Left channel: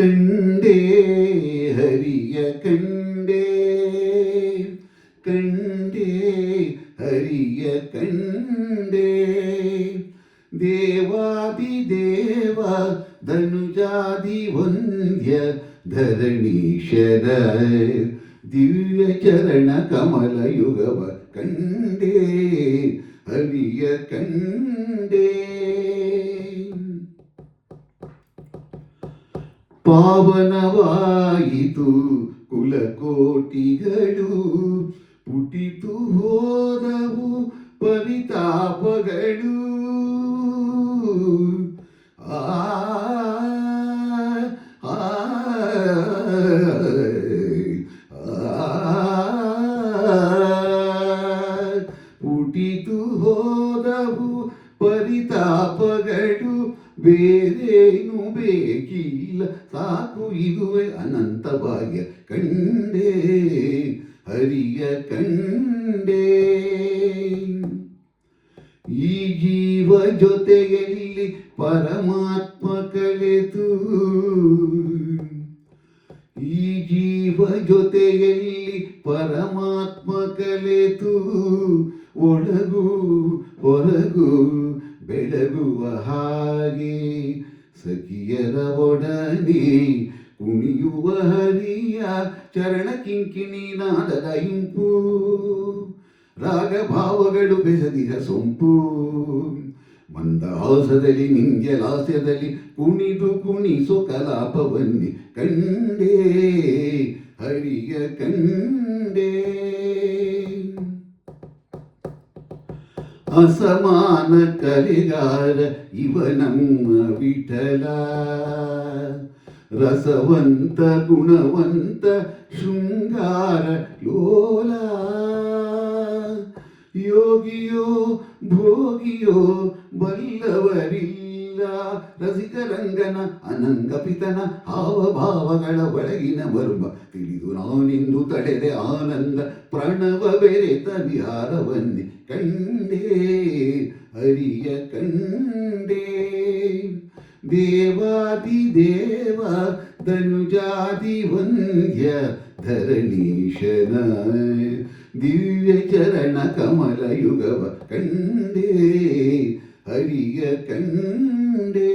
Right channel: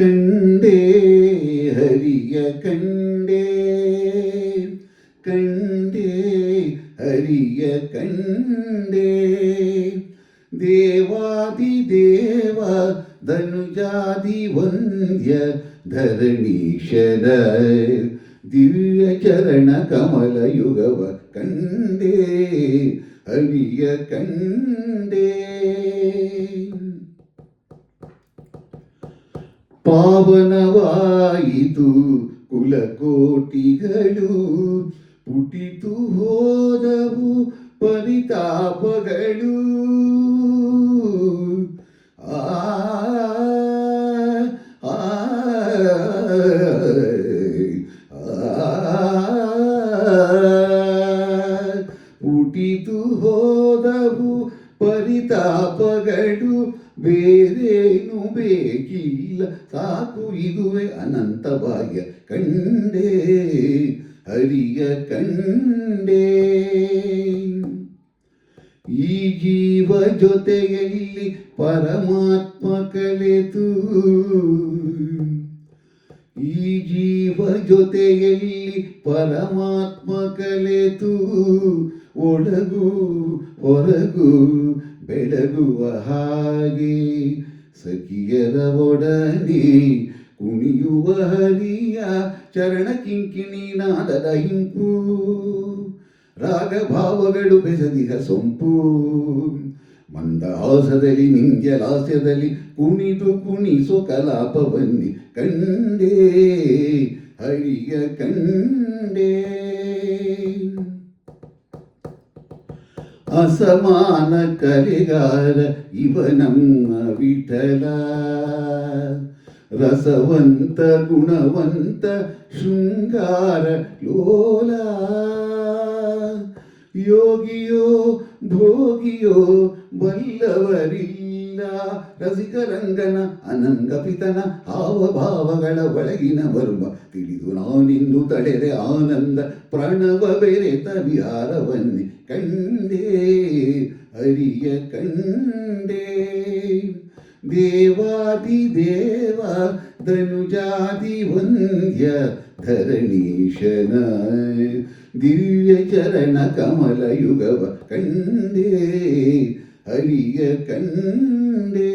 ಕಂಡೇ ಹರಿಯ ಕಂಡೇ ಕಂಡೇ ಹರಿಯ ಕಂಡೇ ದೇವಾದಿದೇವ ಧನುಜಾದಿ ವಂದ್ಯ ಧರಣೀಶನ ದಿವ್ಯ ಚರಣ ಕಮಲ ಯುಗವ ಕಂಡೇ ಹರಿಯ ಕಂಡೇ ಪಾವನವಾಯಿತು ಕುಲಕೋಟಿಗಳು ಪುಟಿತು ಹೋದವು ಪರಿತಾಪಗಳು ಪುಟಿತು ಹೋದವು ಪರಿತಾಪಗಳು ಬೇರೇನು ಬೇಕಿಲ್ಲ ಸಾಕು ಇದುವೆ ಅನಂತ ಭಾಗ್ಯ ಕಂಡೇ ಹರಿಯ ಕಂಡೇ ಈ ಜೀವ ಜೊತೆಯಲ್ಲಿ ಪರಮಾತ್ಮ ಕಲೆತು ಈ ಜೀವ ಜೊತೆಯಲ್ಲಿ ಪರಮಾತ್ಮ ಕಲೆತು ಒಳಗು ಹೊರಗು ಬೆಳಗುವ ಹಾಗೆ ಸಖಿಯರ ಒಡನೆ ಕುಣಿಯುವ ಹರಿಯ ಚರಣ ಕಿಂಕಿಣಿ ನಾದದ ಇಂಪು ರಾಗಭಾವಗಳು ಬೆಸದಿಹ ಸೊಂಪು ಮಂದಹಾಸದಲ್ಲಿ ನಿಂಜಲಾಸ್ಯದಲ್ಲಿ ಕುಣಿದು ಕುಣಿಸೋ ಕಲಾಪವನ್ನಿ ಕಂಡೇ ಹರಿಯ ಕಂಡೇ ಅಸಮಾನ ಕಲೆಗಾರ ಇವನಮ್ಮ ವಿಠಲ ರಸವಂತ ಗುಣವಂತ ಶೃಂಗಾರ ಲೋಲ ಯೋಗಿಯೋ ಭೋಗಿಯೋ ಬಲ್ಲವರಿಲ್ಲ ರಸಿಕರಂಗನ ಅನಂಗಪಿತನ ಹಾವಭಾವಗಳ ಒಳಗಿನ ಮರ್ಮ ತಿಳಿದು ನಾನಿಂದು ತಳೆದೆ ಆನಂದ ಪ್ರಣವ ಬೆರೆತ ವಿಹಾರವನ್ನೇ ಕಂಡೇ ಹರಿಯ ಕಂಡೇ ದೇವಾದಿದೇವ ಧನುಜಾದಿ ವಂದ್ಯ ಧರಣೀಶನ ದಿವ್ಯ ಚರಣ ಕಮಲ ಯುಗವ ಕಂಡೇ ಹರಿಯ ಕಂಡೇ